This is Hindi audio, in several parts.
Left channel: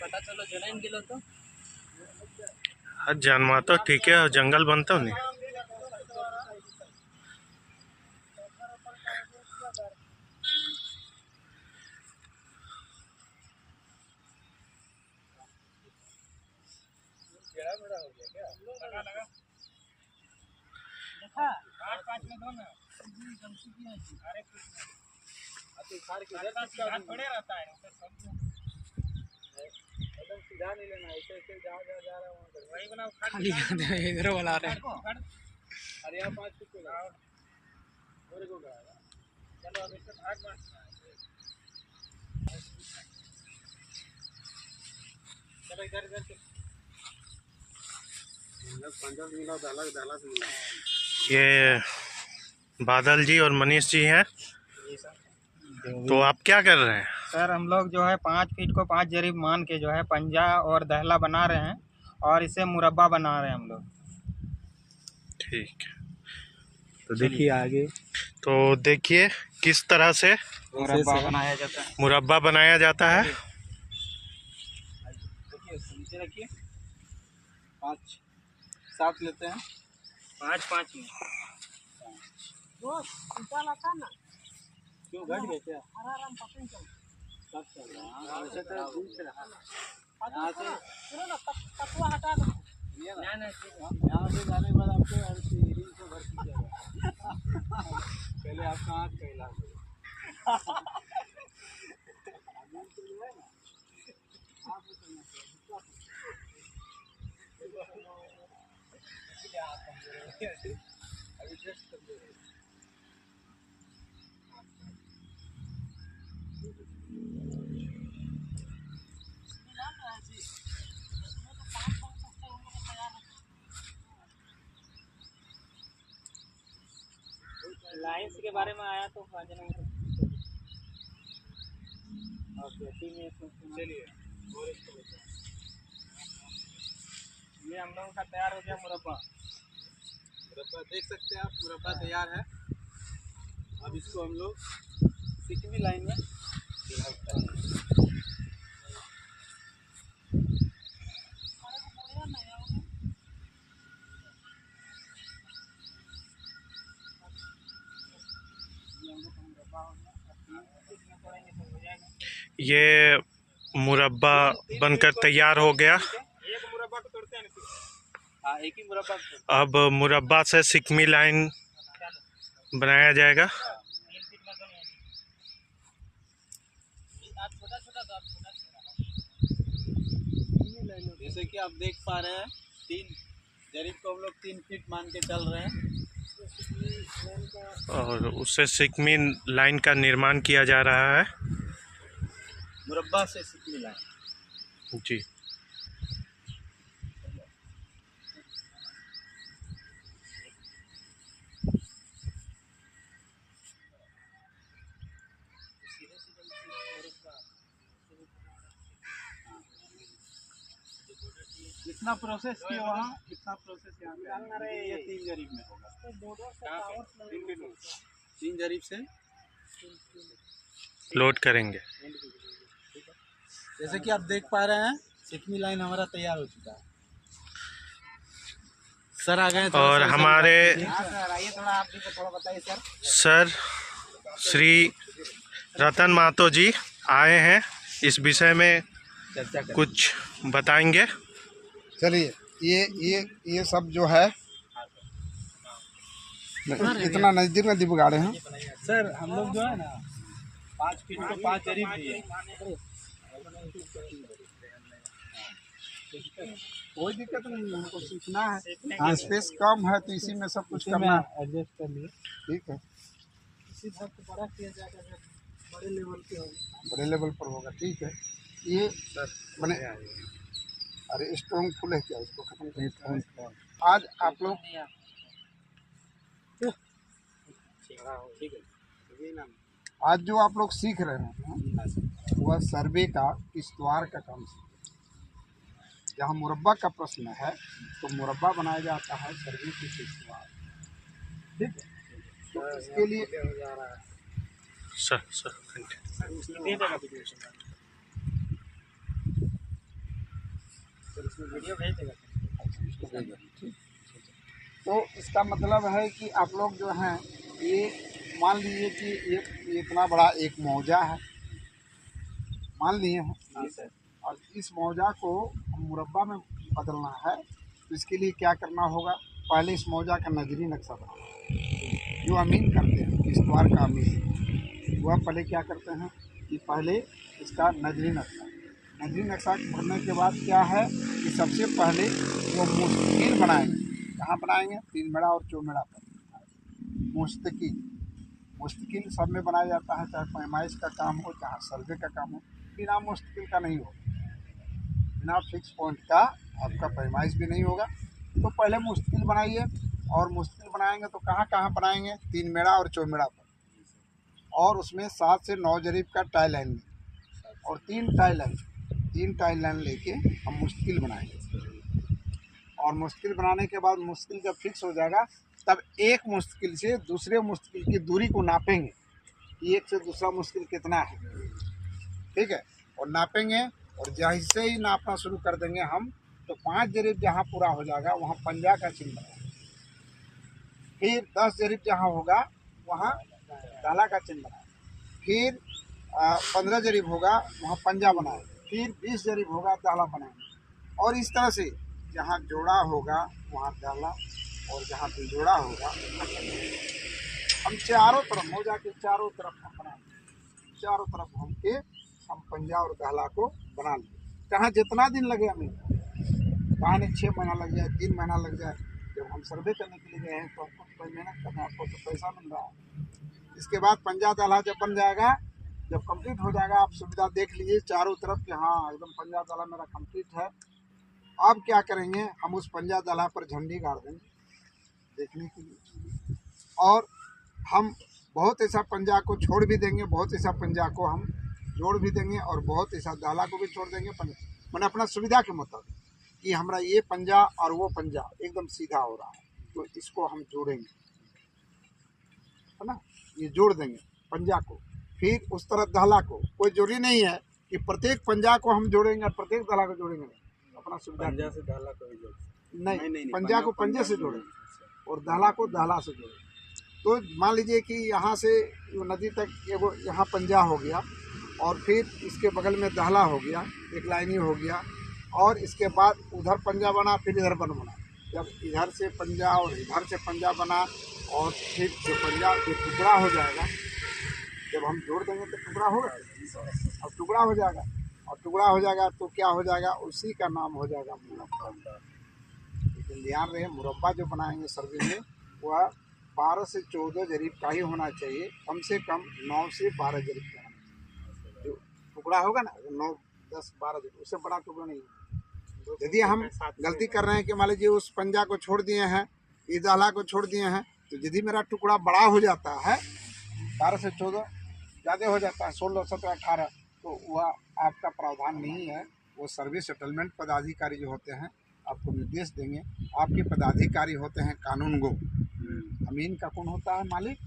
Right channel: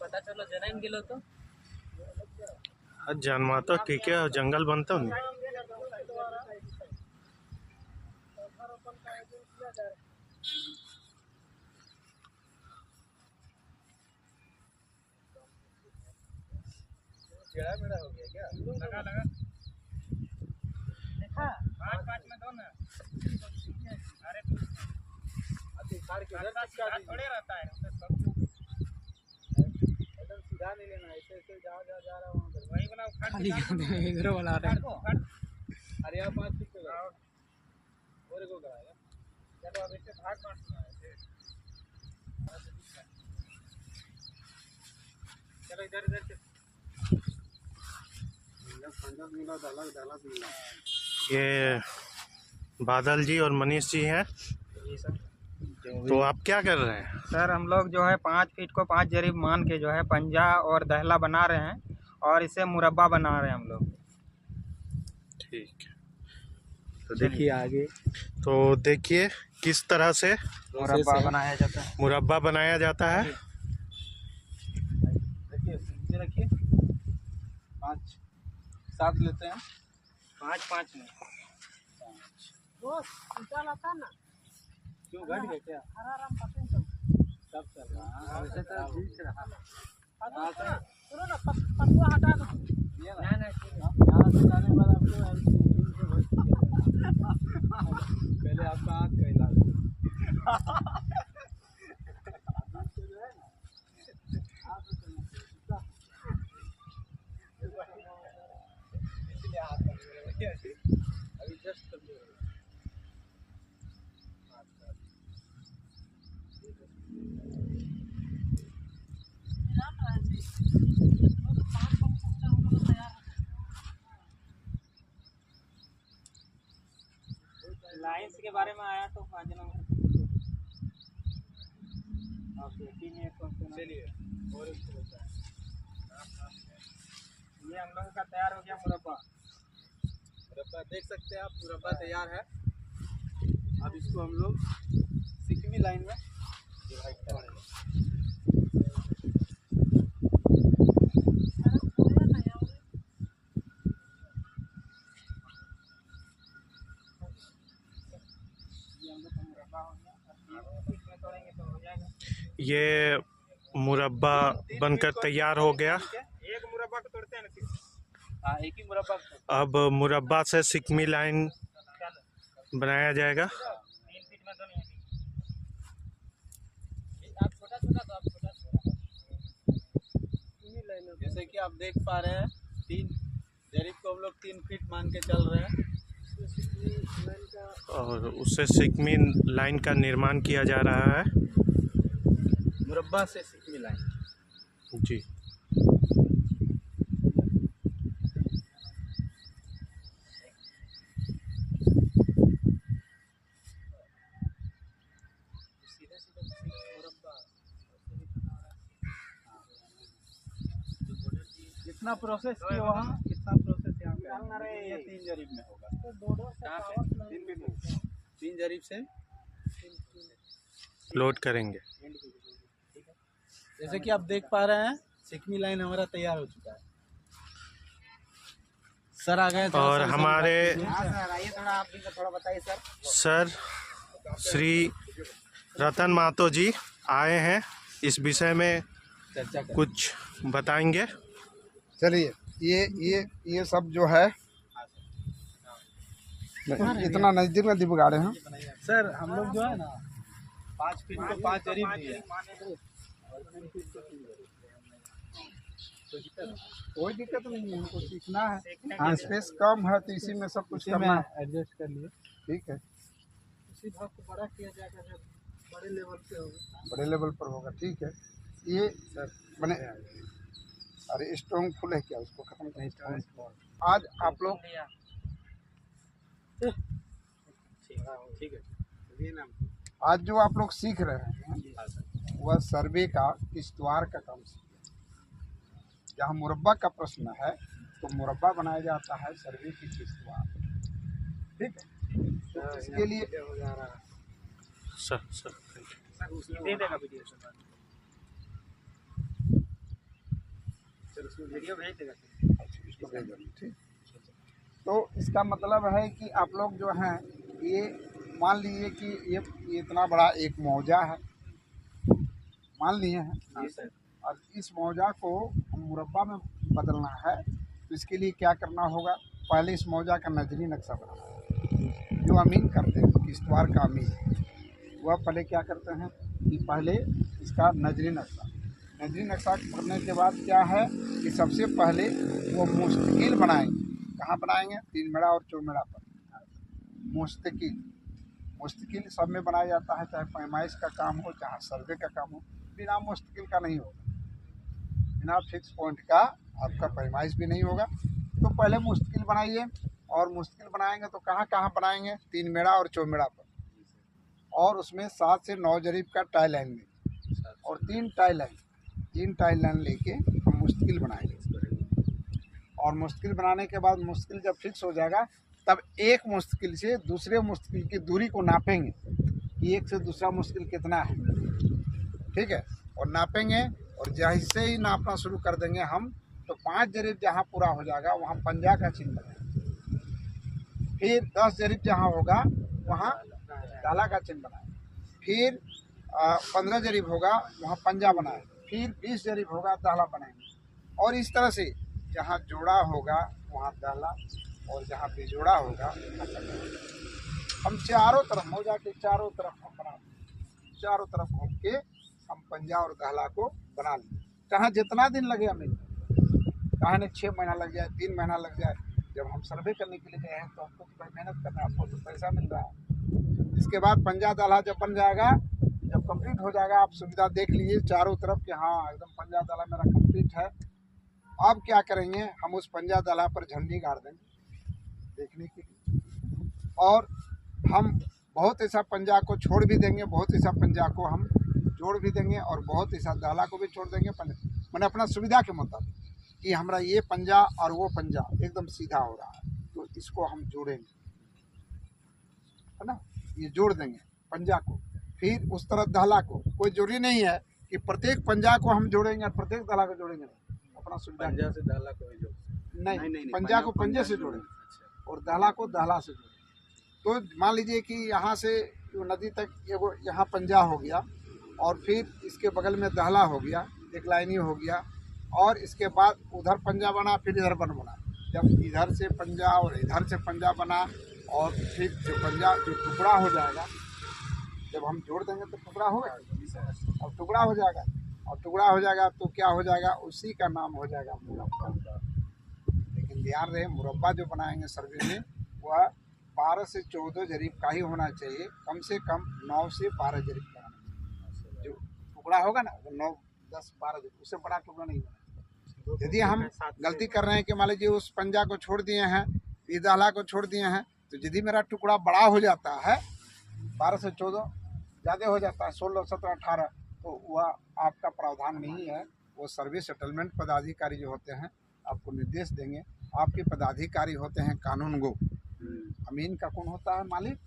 पता चलो जनाइन गेलो तो जन्मा तो ठीक है, जंगल बनता नहीं। मेरा हो गया क्या? लगा लगा देखा 5-5 में दो ना। अरे थोड़े रहता है एकदम सीधा नहीं लेना, ऐसे ऐसे जा रहा हूँ वही बनाओ खाली इधर वाला रहा है। अरे यहाँ 5 फीट पे और को कराएगा। चलो अब इससे भाग बांटना है। चलो इधर इधर ये बादल जी और मनीष जी हैं। तो आप क्या कर रहे हैं? सर हम लोग जो है 5 फीट को 5 जरीब मान के जो है पंजा और दहला बना रहे हैं और इसे मुरब्बा बना रहे हैं हम लोग। ठीक है, तो देखिए आगे। तो देखिए किस तरह से मुरब्बा बनाया जाता है। मुरब्बा बनाया जाता है। देखिए नीचे रखिए 5-7 लेते हैं 5-5 में। वो चला था ना, क्यों घट गए क्या? आराम पता नहीं चल सब चल रहा है वैसे तो ठीक रहा। यहां से सुनो ना पटुआ हटा दो। ना ना यहां से जाने के बाद आपको एल्सीरिंग से भर दीजिएगा। पहले आपका आंख का इलाज अभी जस्ट लाइन्स के बारे में आया तो चलिए और इसको ये हम लोगों का तैयार हो गया मुरब्बा। मुरब्बा देख सकते हैं आप, मुरब्बा तैयार है। अब इसको हम लोग सिकमी लाइन में डिवाइड करेंगे। ये मुरब्बा बनकर तैयार हो गया। एक मुरब्बा को तोड़ते हैं ना, एक ही मुरब्बा। अब मुरब्बा से सिकमी लाइन बनाया जाएगा। जैसे कि आप देख पा रहे हैं 3 जरीब को हम लोग 3 फीट मान के चल रहे हैं और उससे सिकमी लाइन का निर्माण किया जा रहा है। मुरब्बा से सिकमी लाइन जी। कितना प्रोसेस किया वहाँ, कितना प्रोसेस यहाँ पे? ये 3 जरीब में होगा। 3 जरीब से लोड करेंगे। जैसे कि आप देख पा रहे हैं सिकमी लाइन हमारा तैयार हो चुका है। सर आ गए और हमारे थोड़ा आप भी थोड़ा बताइए सर। सर श्री रतन महतो जी आए हैं, इस विषय में चर्चा करें। कुछ बताएंगे। चलिए ये सब जो है इतना नज़दीक में दिबगाड़े हैं सर। हम लोग जो है ना 5 फीट को 5 जरीब दिए। कोई दिक्कत नहीं है, हमको सीखना है। हाँ स्पेस कम है तो इसी में सब कुछ करना है। एडजस्ट कर लिए। ठीक है, इसी भाग को बड़ा किया जाएगा, बड़े लेवल पे होगा। बड़े लेवल पर होगा। ठीक है, ये बने। अरे स्ट्रॉन्ग फुल है क्या, उसको खत्म करें। आज आप लोग ठीक है, आज जो आप लोग सीख रहे हैं वह सर्वे का किश्तवाड़ का काम सीख। जहाँ मुरब्बा का प्रश्न है तो मुरब्बा बनाया जाता है सर्वे की किश्तवाड़। ठीक है, तो इसके लिए सर सर उसमें वीडियो भेज देगा ठीक। तो इसका मतलब है कि आप लोग जो हैं ये मान लीजिए कि ये इतना बड़ा एक मौजा है, मान लिए हैं। जी सर। और इस मौजा को हम मुरब्बा में बदलना है तो इसके लिए क्या करना होगा, पहले इस मौजा का नजरी नक्शा बनाना है। जो अमीन करते हैं किश्तवाड़ का अमीन, वह पहले क्या करते हैं कि पहले इसका नजरी नक्शा करने के बाद क्या है कि सबसे पहले वो मुस्तकिल बनाएंगे। कहाँ बनाएंगे? 3 मेड़ा और 4 मेड़ा पर मुस्तकिल सब में बनाया जाता है, चाहे पैमाइश का काम हो चाहे सर्वे का काम हो। बिना मुस्तकिल का नहीं होगा, बिना फिक्स पॉइंट का आपका पैमाइश भी नहीं होगा। तो पहले मुस्तकिल बनाइए, और मुस्तकिल बनाएंगे तो कहाँ कहाँ बनाएंगे? 3 मेड़ा और 4 मेड़ा पर, और उसमें 7 से 9 जरीब का टाई लाइन में, और 3 टाई लाइन लेके हम मुस्तकिल बनाएंगे। और मुस्तकिल बनाने के बाद मुस्तकिल जब फिक्स हो जाएगा तब एक मुस्तकिल से दूसरे मुस्तकिल की दूरी को नापेंगे कि एक से दूसरा मुस्तकिल कितना है, ठीक है। और नापेंगे, और जैसे ही नापना शुरू कर देंगे हम तो 5 जरीब जहाँ पूरा हो जाएगा वहाँ पंजा का चिन्ह बनाएंगे। फिर 10 जरीब जहाँ होगा वहाँ डाला का चिन्ह बनाएंगे। फिर 15 जरीब होगा वहाँ पंजा बनाएंगे। फिर 20 जरीब होगा दाला बनाएंगे। और इस तरह से जहाँ जोड़ा होगा वहाँ दाला, और जहाँ बिजोड़ा होगा हम चारों तरफ मौजा के चारों तरफ हम बना लें। चारों तरफ घूम के हम पंजा और दाला को बना लें, चाहे जितना दिन लगे हमें, चाहे 6 महीना लग जाए, 3 महीना लग जाए। जब हम सर्वे करने के लिए गए हैं तो हमको तो भाई मेहनत करना है, आपको तो पैसा मिल रहा है। इसके बाद पंजा दाला जब बन जाएगा, जब कंप्लीट हो जाएगा, आप सुविधा देख लीजिए चारों तरफ कि हाँ एकदम पंजा दाला मेरा कंप्लीट है। अब क्या करेंगे, हम उस पंजा दाला पर झंडी गाड़ देंगे देखने के लिए, और हम बहुत ऐसा पंजा को छोड़ भी देंगे, बहुत ऐसा पंजा को हम जोड़ भी देंगे, और बहुत ऐसा दाला को भी छोड़ देंगे। मैंने अपना सुविधा के मुताबिक कि हमारा ये पंजा और वो पंजा एकदम सीधा हो रहा है तो इसको हम जोड़ेंगे, है ना, ये जोड़ देंगे पंजा को। फिर उस तरफ दाला को, कोई जरूरी नहीं है कि प्रत्येक पंजा को हम जोड़ेंगे और प्रत्येक दाला को जोड़ेंगे, अपना सुविधा। पंजा से दाला को भी जोड़ नहीं, पंजा को पंजे से जोड़ें और दाला को दाला से जोड़ें। तो मान लीजिए कि यहाँ से नदी तक एगो यहाँ पंजा हो गया, और फिर इसके बगल में दाला हो गया, एक लाइनी हो गया, और इसके बाद उधर पंजा बना, फिर इधर बना। जब इधर से पंजा और इधर से पंजा बना, और फिर जो पंजा जो टुकड़ा हो जाएगा, जब हम जोड़ देंगे तो टुकड़ा होगा, और टुकड़ा हो जाएगा, और टुकड़ा हो जाएगा तो क्या हो जाएगा, उसी का नाम हो जाएगा मुरब्बा। लेकिन ध्यान रहे, मुरब्बा जो बनाएंगे सर्वे में वह 12 से 14 जरीब का ही होना चाहिए, कम से कम 9 से 12 जरीब का। जो टुकड़ा होगा ना वो 9, 10, 12 जरीब, उससे बड़ा टुकड़ा नहीं होगा। यदि हम गलती कर रहे हैं कि मान लीजिए उस पंजा को छोड़ दिए हैं, इस दाला को छोड़ दिए हैं, तो यदि मेरा टुकड़ा बड़ा हो जाता है 12 से 14 ज़्यादा हो जाता है 16, 17, 18, तो वह आपका प्रावधान नहीं है। वो सर्विस सेटलमेंट पदाधिकारी जो होते हैं आपको निर्देश देंगे। आपके पदाधिकारी होते हैं कानूनगो। अमीन का कौन होता है? मालिक।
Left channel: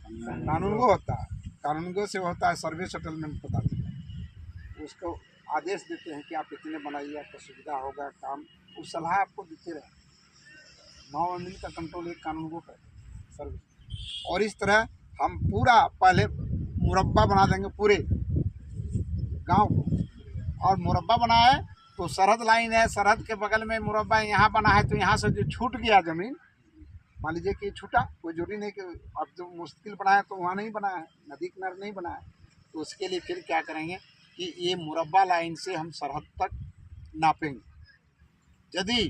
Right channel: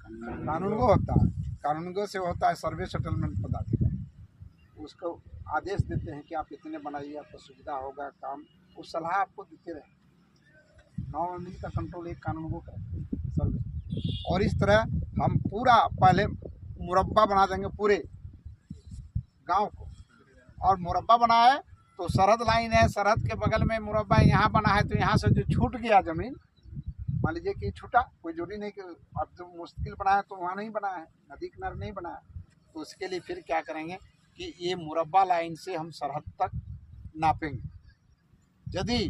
कानूनगो होता है, कानूनगो से होता है सर्विस सेटलमेंट पदाधिकारी। उसको आदेश देते हैं कि आप इतने बनाइए, आपको सुविधा होगा काम, उस सलाह आपको देते रहे। 9 अमीन का कंट्रोल एक कानूनगो का सर्विस। और इस तरह हम पूरा पहले मुरब्बा बना देंगे पूरे गांव को, और मुरब्बा बनाए तो सरहद लाइन है, सरहद के बगल में मुरब्बा यहाँ बना है, तो यहाँ से जो छूट गया ज़मीन, मान लीजिए कि छूटा, कोई जरूरी नहीं कि अब जो मुश्किल बनाया तो वहाँ नहीं बनाया है, नदी किनारे नहीं बनाया, तो उसके लिए फिर क्या करेंगे कि ये मुरब्बा लाइन से हम सरहद तक नापेंगे। यदि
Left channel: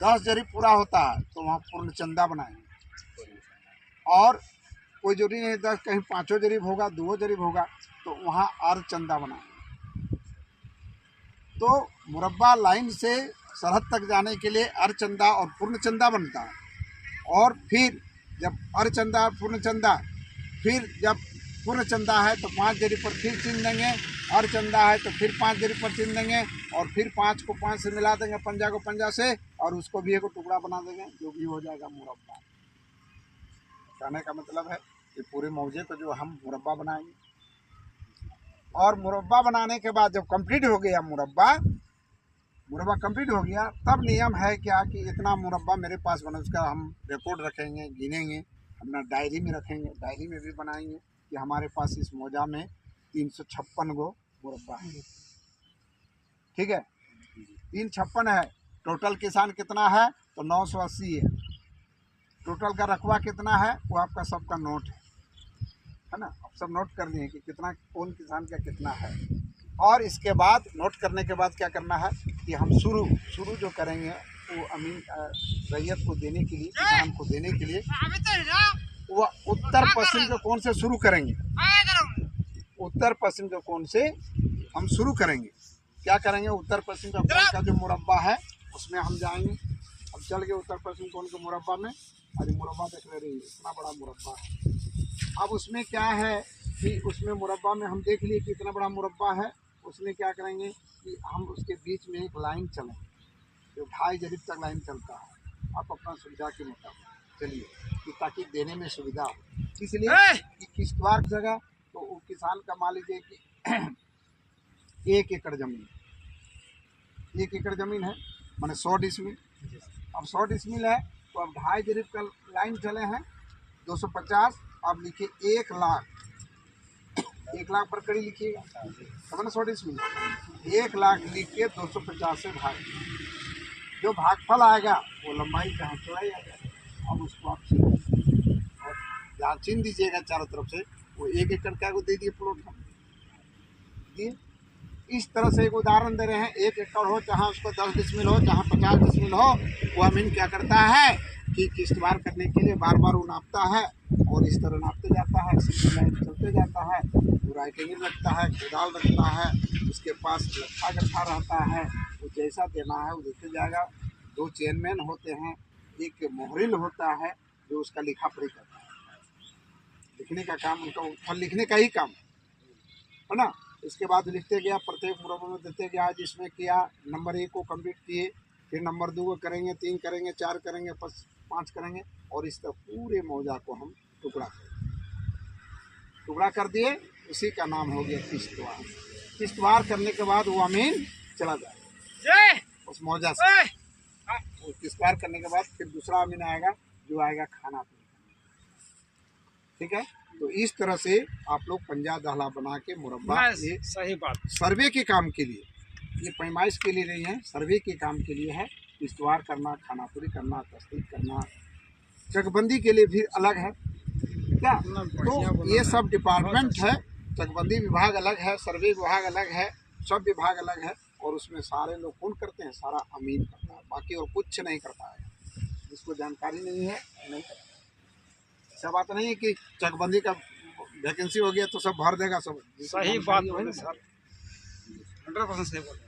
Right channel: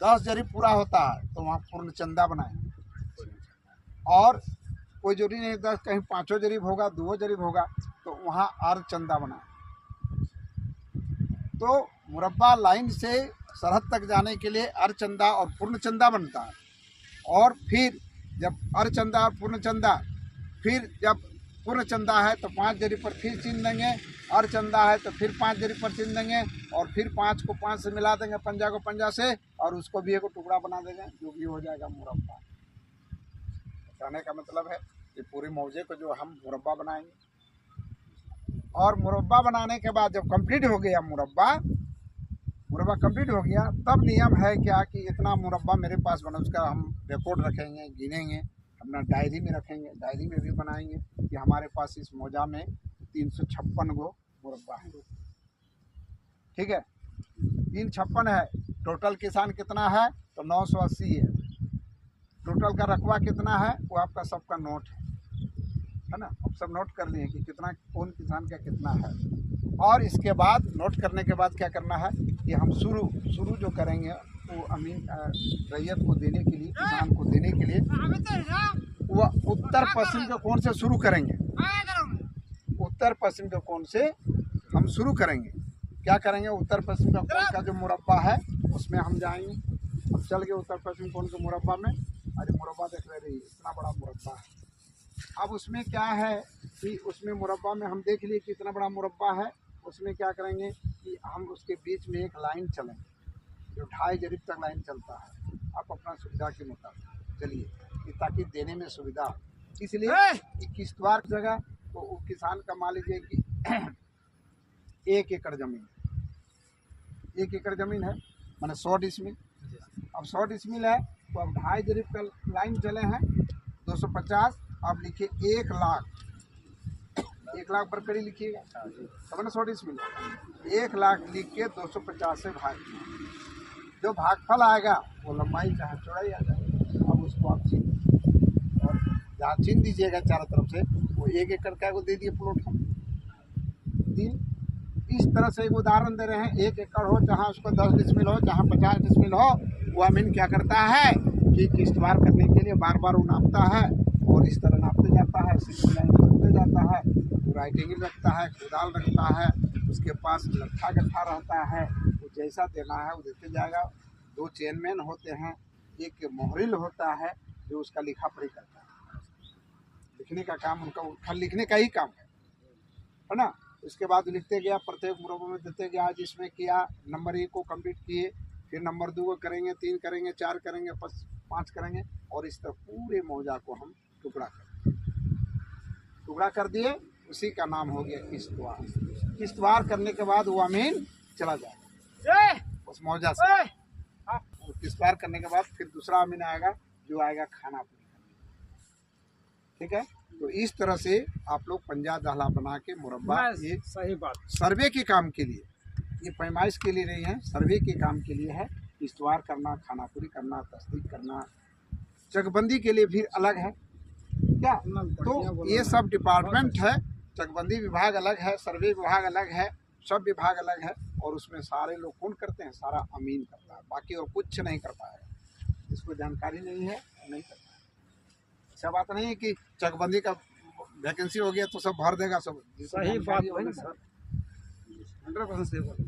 10 जरीब पूरा होता है तो वहाँ पूर्ण चंदा बनाएंगे, और कोई जरूरी नहीं 10, कहीं 5 जरीब होगा, 2 जरीब होगा, तो वहाँ अर्ध चंदा बनाएंगे। तो मुरब्बा लाइन से सरहद तक जाने के लिए अर्ध चंदा और पूर्ण चंदा बनता है। और फिर जब अर्ध चंदा पूर्ण चंदा, फिर जब पूर्ण चंदा है तो 5 जरीब पर फिर चिन्ह देंगे, अर्ध चंदा है तो फिर 5 जरीब पर चिन्ह देंगे, और फिर 5 को 5 से मिला देंगे, पंजा को पंजा से, और उसको भी एक टुकड़ा बना देंगे, जो भी हो जाएगा मुरब्बा। कहने का मतलब है कि पूरे मौजे को जो हम मुरब्बा बनाएंगे। और मुरब्बा बनाने के बाद जब कंप्लीट हो गया मुरब्बा, मुरब्बा कंप्लीट हो गया तब नियम है क्या कि इतना मुरब्बा मेरे पास बना, उसका हम रिकॉर्ड रखेंगे, गिनेंगे, अपना डायरी में रखेंगे, डायरी में भी बनाएंगे कि हमारे पास इस मौजा में 356 गो मुरब्बा है। ठीक है, 356 है। टोटल किसान कितना है तो 980 है। टोटल का रकबा कितना है वो आपका सबका नोट है ना। अब सब नोट कर लिए कि कितना कौन किसान का कितना है। और इसके बाद नोट करने के बाद क्या करना है कि हम शुरू जो करेंगे वो अमीन रैयत को देने के लिए, किसान को देने के लिए वो उत्तर पश्चिम के कोण से शुरू करेंगे। उत्तर पश्चिम के कोण से हम शुरू करेंगे। क्या करेंगे, उत्तर पश्चिम का कोण का जो मुरब्बा है उसमें हम जाएंगे। अब चल गए उत्तर पश्चिम कोण के मुरब्बा में। अरे मुरब्बा देख रहे रही, इतना बड़ा मुरब्बा है। अब उसमें क्या है कि उसमें मुरब्बा में हम देख लिए कि इतना बड़ा मुरब्बा है। उसमें क्या करेंगे कि हम उसके बीच में एक लाइन चलेंगे जो 2.5 जरीब तक लाइन चलता है। आप अपना सुविधा के मुताबिक चलिए कि ताकि देने में सुविधा हो। इसलिए कि किश्तवाड़ जगह तो वो किसान का मान लीजिए कि 1 एकड़ ज़मीन, 1 एकड़ ज़मीन है माने 100 डिसमिल। अब 100 डिसमिल है तो अब 2.5 जरीब का लाइन चले हैं 250। आप लिखिए 1 लाख, 1 लाख पर कड़ी लिखिएगा तब ना 100 डिसमिल। 1 लाख लिख के 250 से भाग, जो भागफल आएगा वो लंबाई चाहे चौड़ाई आ जाएगा। अब उसको आप छीन और जहाँ छीन दीजिएगा चारों तरफ से वो 1 एकड़ का को दे दिए प्लॉट हम 3। इस तरह से एक उदाहरण दे रहे हैं। 1 एकड़ हो जहाँ उसको 10 डिसमिल हो, जहाँ 50 डिसमिल हो, वो अमीन क्या करता है कि किश्तवाड़ करने के लिए बार बार वो नापता है और इस तरह नापते जाता है, सिंगल लाइन चलते जाता है, वो राइटिंग रखता है, कुदाल रखता है, उसके पास लट्ठा गट्ठा रहता है, वो जैसा देना है वो देते जाएगा। 2 चेयरमैन होते हैं, एक मोहरिल होता है जो उसका लिखा पढ़ी करता है। लिखने का काम उनका खाली लिखने का ही काम है ना। इसके बाद लिखते गया, प्रत्येक मुरब्बे में देते गया। जिसमें किया नंबर 1 को कंप्लीट किए, फिर नंबर 2 को करेंगे, 3 करेंगे, 4 करेंगे, 5 करेंगे और इस तरह पूरे मौजा को हम टुकड़ा कर दिए। उसी का नाम हो गया किश्तवाड़। किश्तवाड़ करने के बाद वो अमीन चला जाए उस मौजा से। वो किश्तवाड़ करने के बाद फिर दूसरा अमीन आएगा जो आएगा खाना पूरी करने। ठीक है, तो इस तरह से आप लोग पंजा दहला बना के मुरब्बा, ये सही बात, सर्वे के काम के लिए, ये पैमाइश के लिए नहीं है, सर्वे के काम के लिए है। किश्तवाड़ करना, खाना पूरी करना, तस्दीक करना, चकबंदी के लिए भी अलग है क्या। तो ये सब डिपार्टमेंट है। चकबंदी विभाग अलग है, सर्वे विभाग अलग है, सब विभाग अलग है। और उसमें सारे लोग कौन करते हैं, सारा अमीन करता है, बाकी और कुछ नहीं कर पाएगा। जिसको जानकारी नहीं है नहीं करता। ऐसा बात नहीं है कि चकबंदी का वैकेंसी हो गया तो सब भर देगा सब। सही बात बोले सर, 100% सही बोले।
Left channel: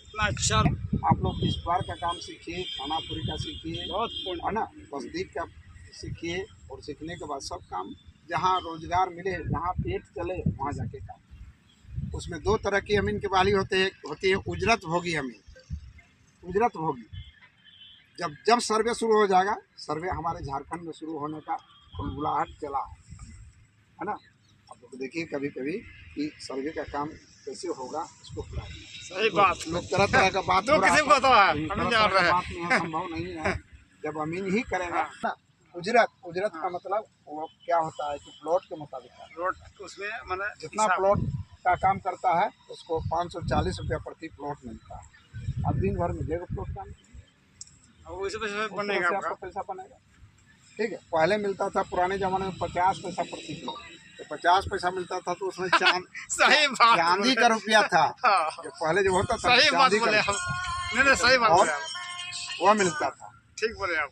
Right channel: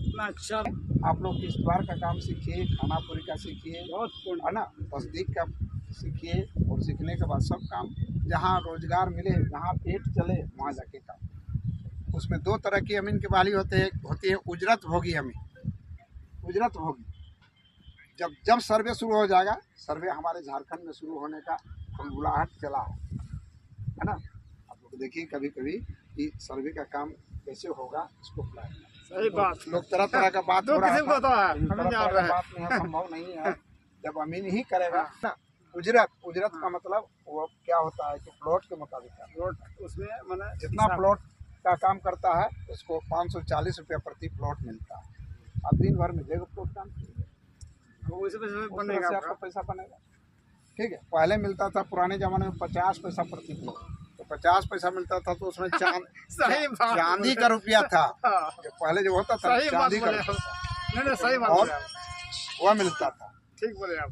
इतना अच्छा आप लोग किश्तवाड़ का काम सीखिए, खाना पूरी का सीखिए, बहुत है ना, तस्दीक का सीखिए। और सीखने के बाद सब काम जहाँ रोजगार मिले, जहाँ पेट चले वहाँ जाके काम। उसमें 2 तरह की अमीन की बहाली होती है। उजरत भोगी अमीन, उजरत भोगी। जब सर्वे शुरू हो जाएगा, सर्वे हमारे झारखंड में शुरू होने का बुलाहट चला है ना। आप लोग देखिए कभी कभी कि सर्वे का काम कैसे होगा, इसको बुलाएं। सही बात। लोग तरह तरह का बात हो रहा है, हम जान रहे हैं। बात में है, संभव नहीं है। जब अमीन ही करेगा ना। उजरत का मतलब वो क्या होता है कि प्लॉट के मुताबिक है। रोड उसमें मैंने जितना प्लॉट का काम करता है उसको 540 रुपया प्रति प्लॉट मिलता है। अब दिन भर मिलेगा प्लॉट काम, बनेगा आपका पैसा बनेगा। ठीक है, पहले मिलता था पुराने ज़माने में 50 पैसा प्रति प्लॉट, तो 50 पैसा मिलता था तो उसमें चांदी का रुपया था। जो पहले जो होता था चांदी का नहीं सही बात और वह मिलता था। ठीक बोले आप।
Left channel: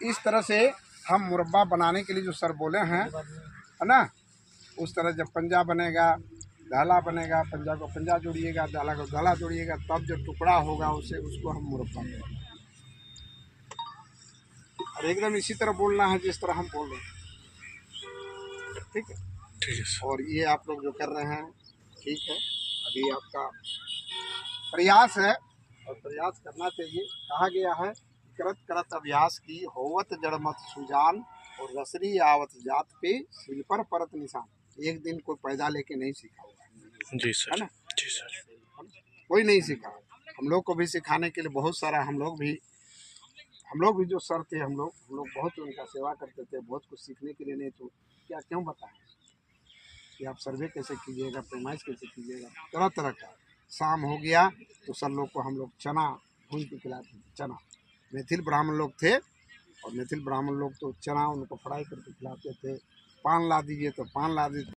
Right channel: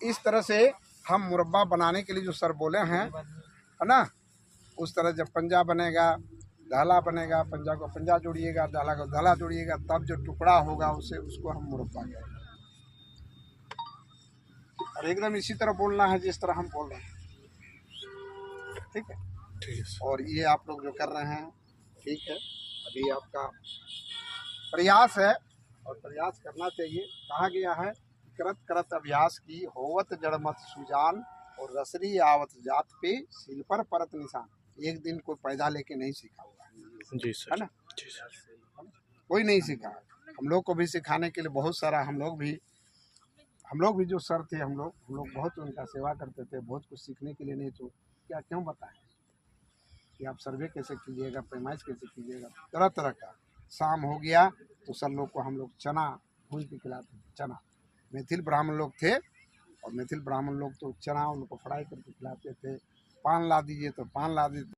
इस तरह से हम मुरब्बा बनाने के लिए जो सर बोले हैं है ना, उस तरह जब पंजा बनेगा, दहला बनेगा, पंजा को पंजा जोड़िएगा, दहला को दहला जोड़िएगा, तब जो टुकड़ा होगा उसे उसको हम मुरब्बा कहेंगे। और एकदम इसी तरह बोलना है जिस तरह हम बोल रहे हैं। ठीक है, ठीक है। और ये आप लोग जो कर रहे हैं ठीक है, अभी आपका प्रयास है और प्रयास करना चाहिए। कहा गया है करत करत अभ्यास की होवत जड़मत सुजान और रसरी आवत जात पे सिल पर परत निशान। एक दिन कोई पैदा लेके नहीं सीखा हुआ जी सर, है ना, जी सर, कोई नहीं सीखा। हम लोग को भी सिखाने के लिए बहुत सारा हम लोग भी जो सर थे हम लोग बहुत उनका सेवा करते थे, बहुत कुछ सीखने के लिए। नहीं तो क्या क्यों बताएं कि आप सर्वे कैसे कीजिएगा, पैमाइश कैसे कीजिएगा, तरह तरह का। शाम हो गया तो सर लोग को हम लोग चना भून के खिलाते थे। चना, मैथिल ब्राह्मण लोग थे और मैथिल ब्राह्मण लोग तो चना उनको फ्राई करके खिलाते थे। पान ला दीजिए तो पान ला देते